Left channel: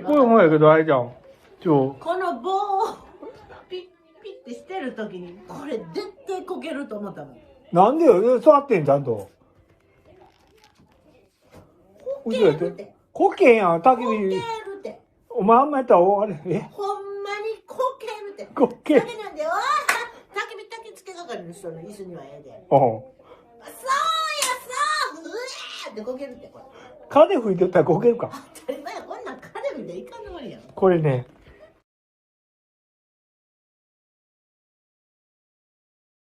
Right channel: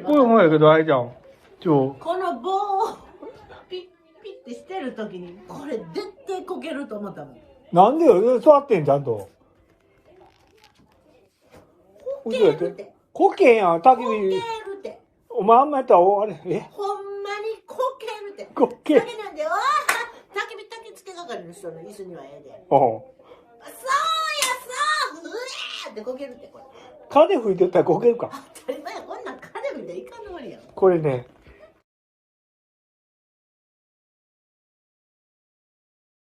これもやけど、あれじゃん。この棒をピッピッてしてるときに、これ絶対こけると思ったもん。なんでよ、座ってん、ちゃんと。こけるって。こけへんやん、焚きこける火。って。お前あんまやったら、あれ、ほんまにこけるって。こける。だけなんで、焚き付け係の人の椅子にはええで。うん。そうや、そううえーってこけるってこれ。風吹いてったらこけるか。当たり前、こんなん彼みたいいかんもんやん。これね、